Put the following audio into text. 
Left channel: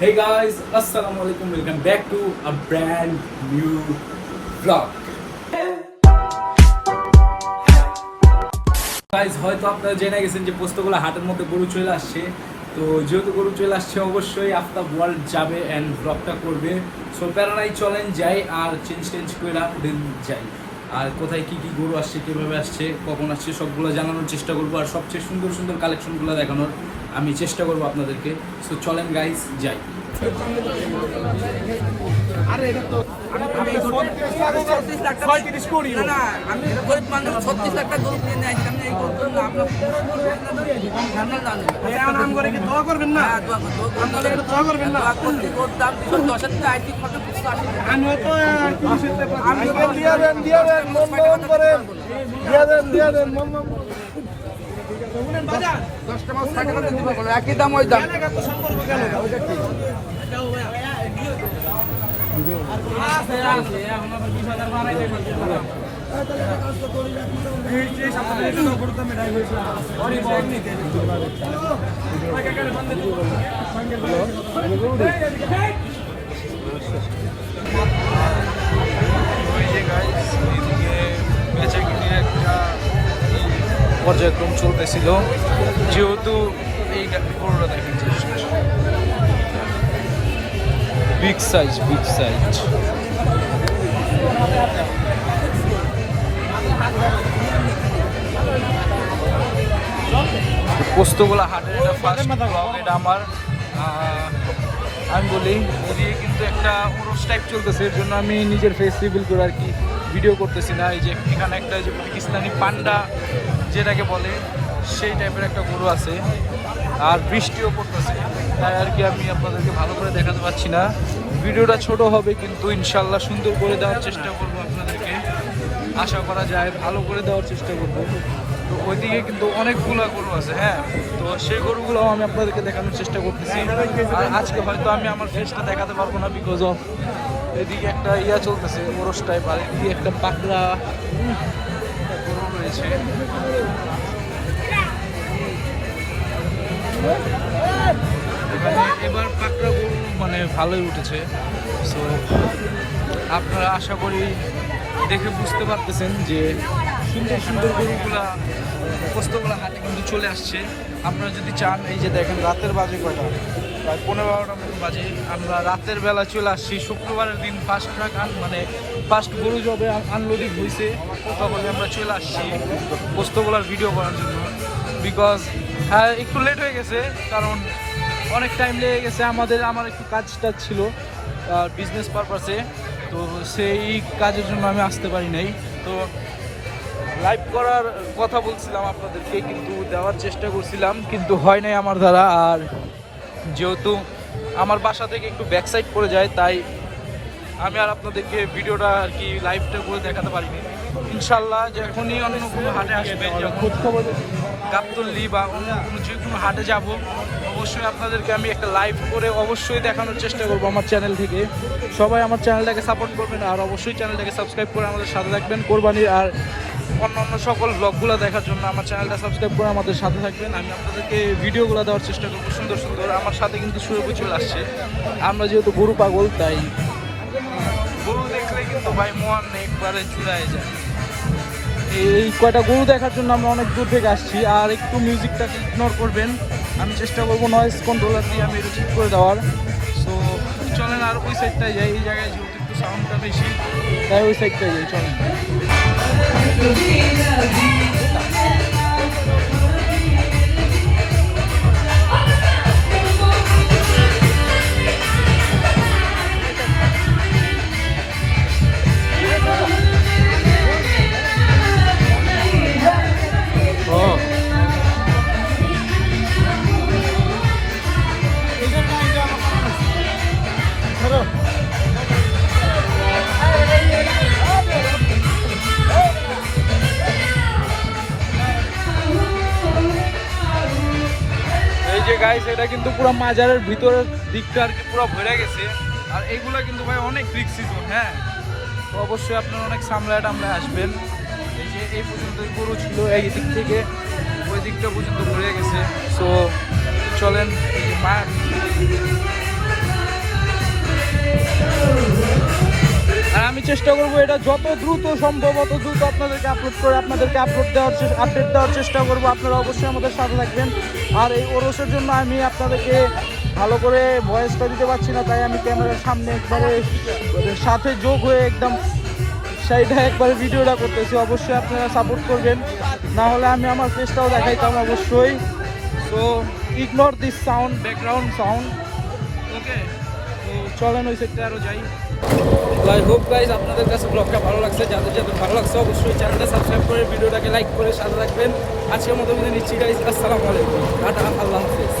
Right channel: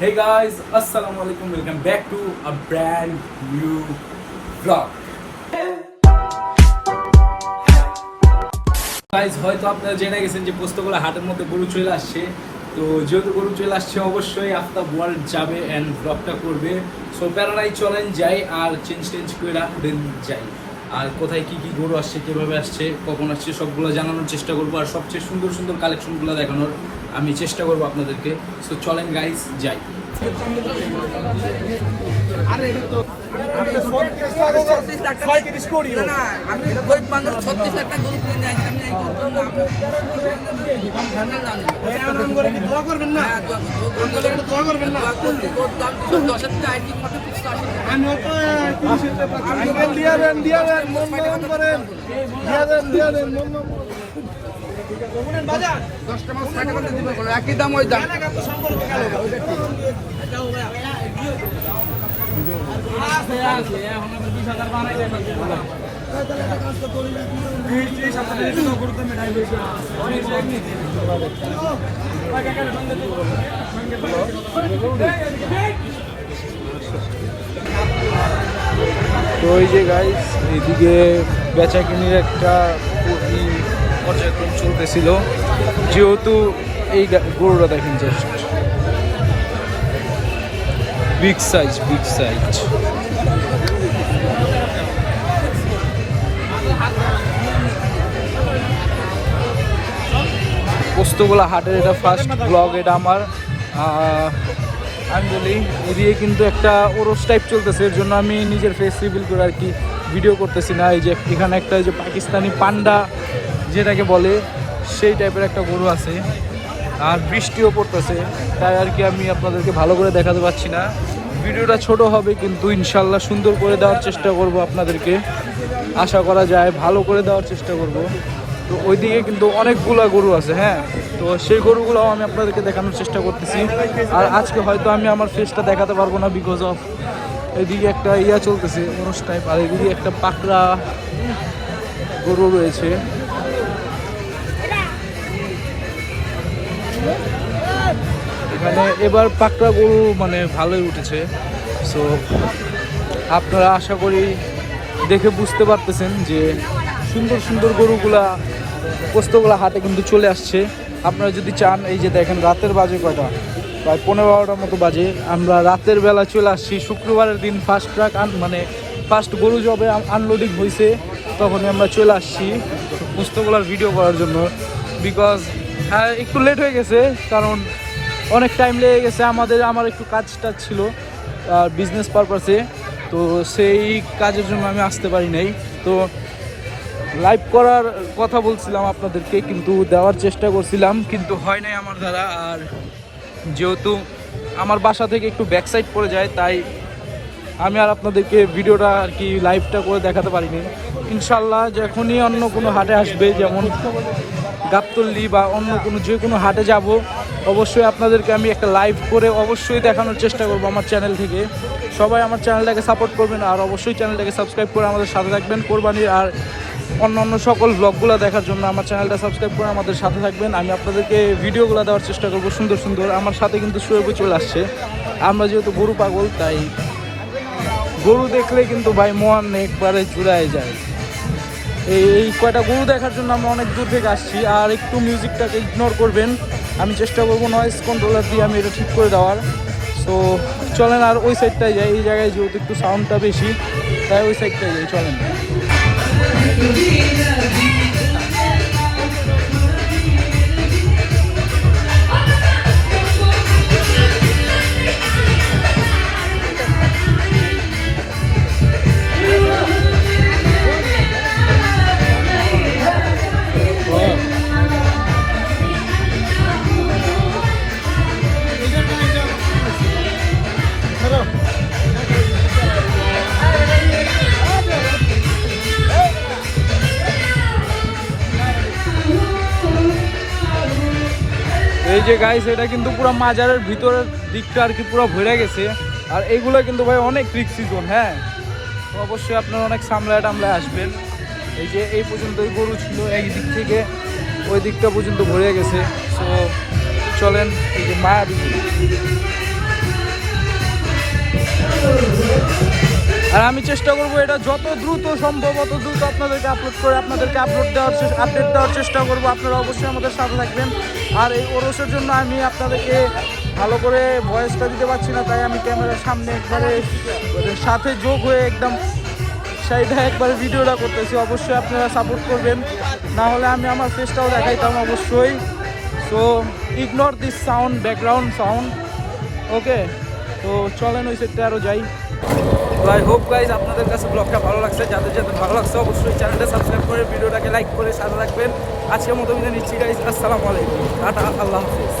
Hey guys, assalamu alaikum. Welcome back to a brand new vlog. Guys, হয়তো আপনারা জেনে গেছেন যে পোস্তগোলা হাটের মধ্যে গরু চলে আসছে। তো যেহেতু গরু চলে আসছে অবশ্যই আফতাব ওয়ার্ল্ড যাবে এন্ড ব্লগটা করবে। সো প্যারানাই চলেন যাই আর চেঞ্জ করে দেন যাই। আর কোথায় কি কি গরু আসছে, কিভাবে আসছে, কখন আসছে সবগুলো জানানোর চেষ্টা করবো। আর সবচেয়ে সুন্দর সুন্দর কালেকশনগুলো দেখানোর আমি চেষ্টা করবো আপনাদেরকে। সো চলেন গাইস যাই। আরে এটা তো আপনি 36 লাখ টাকা 36 কোটি না আমি গরিব মানুষ 36 লাখ টাকা গরু কিনে নিয়ে আসি আমি এই করতে না আপনার দাম নাম করে কি দোয়া করবেন না দোয়া করবেন না দাম 10 টাকা আইটি কত কিছু আসে আমি তো আমি দিয়া দেন মন করেন দিয়া দেন মন ঠিক আছে 10টা মাস টাকা করে দিব একই দাম ওই দাম ওইটা ঠিক এটাও তো ওই যে গাইস এদিকে বেচা কিনির একটা পর্যায়ক্রম চলতেছিল, যেহেতু এই গরুটা দেখেন বিগ সাইজ পোস্তগোলা হাটের এটা ফার্স্ট ব্লগ, এটা আমার। আমি বলি এদিকে কিন্তু একটা ওরস টাইপ চলতেছে, এর জন্য আমি নিজের ফেস রিভিল করে আর কি ভিডিও করতেছি না। এই যে এখানে একটা এই যে পাকিস্তানি পান্ডা যেটাকে বলে সেই টাইপের একটা গরু আছে, আর বৃষ্টিও পড়তেছে, তাই আর কি আমি আপনাদেরকে ভালো করে দেখাতে পারছি না। ভিডিওটা ছোট হবে কিন্তু ইনশাল্লাহ সুন্দর করে দেওয়ার চেষ্টা করব আপনাদেরকে, আশা করা যায় ভালো করে দেওয়ার চেষ্টা করব। তো ওইদিকে কিন্তু অনেকগুলো গরু আছে, হ্যাঁ, তো সেই গরুগুলো আমি আপনাদেরকে দেখানোর চেষ্টা করতেছি। আর আজকে হয়তো আমি আমার ফেসটা দেখাতে পারবো না, বিকজ অফ এদিকে একটা ইয়া চলতেছে ওরস টাইপ, আর এদিকে একটা পাকড়া গরু রয়েছে। এখানে এবার পাকড়া গরু মানে ভালোই উঠেছে। সো আপনারা আশা করি দেখে বুঝতে পারতেছেন যে সুন্দর সুন্দর গরুগুলা পোস্তগোলা হাটে কিন্তু চলে আসছে। আপনারা যদি চান, এই যে দেখেন রাতের বাজে কয়টা, প্রায় 15-12টার মতো বাজে, আমরা রাতের বেলা চলে আসছি। শুক্রবারের দিন ফার্স্ট ট্রাক মানে ফার্স্ট গরু যবে আনলোডিং হয়েছে তখনই আমরা চলে আসছি পোস্তগোলার ভিডিও করার জন্য। বিকজ হ্যাঁ একটু লেট হয়ে গেছে, কারণ অনেক টাইম লেগে গেছে আমার একটু কাজটা ছিল বিজনেস পারপাসে, তো সেই কাজের জন্য আমি আসতে পারি নাই। তো লাইভ করার কথা বলছিলাম আপনাদেরকে, কিন্তু দেওয়ার চেষ্টা করছিলাম, কিন্তু হয় নাই আমার দ্বারা। আর যেহেতু আমার বাসা থেকে একটু ব্যাক সাইড পড়ে যায়, তাই আমি আর আপনাদেরকে ভিডিওটা আর কি লাইভটা করে দেখাতে পারিনি। ইনশাল্লাহ যখনই অন্য কোনো হাটে আসবে, যেমন গাবতলী বা অন্য কোনো যে কোনো হাটে যাব, অবশ্যই আপনাদেরকে আমি একটা লাইভ করে অবশ্যই দেখানোর চেষ্টা করবো আমার চ্যানেল থেকে। সবাই আমার চ্যানেলটাকে সাপোর্ট করবেন, আর অবশ্যই চ্যানেলটাকে সাবস্ক্রাইব করে আমাদের সাথে থাকবেন। কোরবানির আর অন্য সকল ব্লগগুলো দেখার জন্য আমার চ্যানেলটা সাবস্ক্রাইব করে আমাদের সাথে থাকবেন। আমি আপনাদেরকে ভিডিওগুলো দেওয়ার চেষ্টা করবো সুন্দর সুন্দর। আমার সাথে কিন্তু শুয়ে চলে আসছে। আমরা যেহেতু গরু পাগল, তাই গরু দেখলে কিন্তু ভাই মন একবারে জুড়ায় যায়। এই কয়টা গরু দেখার জন্য আমরা অনেক দূর থেকে আসছি। আর একটু মিউজিকটাকে ইগনোর করবেন, আমি চেষ্টা করবো নয়েজ কন্ট্রোলার দিয়ে আমি এটা ঠিক করে দেওয়ার। সো চলেন আর ওই সাইডটায় যাই, এই জায়গায় যেহেতু একটু সাউন্ডটা বেশি, তাই ওই সাইডটায় যাই, চলেন। গাইস এটা কিন্তু পুরো মাজারের ভিতরের দিকটা আর কি পুরো ভরে গেছে, আর এইগুলো কিন্তু ভাই অনেক রিস্কি জোন। হ্যাঁ, তো অবশ্যই আপনারা অনেক সামলায় টামলায় আসবেন। এই যে এই পর্যন্তই গরু ছিল, এই দিক থেকে ওই দিকটা পর্যন্ত ভরে গেছে। সো চলেন, এই যে মায়াবী যত দ্রুত সম্ভব অত দ্রুত আপনাদেরকে আপডেট দেওয়ার চেষ্টা করব। আপনারা অবশ্যই আমাদের সাথে থাকবেন। আর এই ওরসের জন্য আমি আপনাদেরকে ভালো করে ভয়েসটা দিতে পারছি না, তাই আমি ক্যামেরার সামনে একবারে সাথে যোগ হয়ে একদম সাইডে একবারে ভিডিওটা করতেছি। অবশ্যই আপনারা সাপোর্ট করবেন, না হলে আমি আমার ফেসটাও দেখাইতাম অবশ্যই। So ignore this sound, background sound. Okay, তো চলেন ওই সেটটা আরও যাই। তো আই হোপ গাইজ আপনাদের কাছে ব্লগটা ভালো লাগছে। যাদের যাদের ভালো লাগছে অবশ্যই চ্যানেলটা সাবস্ক্রাইব করে ভিডিওটাকে লাইক করে সাথে রাখবেন। আজকের মতো বিদায় নিচ্ছি গাইজ, আসসালামু আলাইকুম, টাটা, আল্লাহ হাফিজ।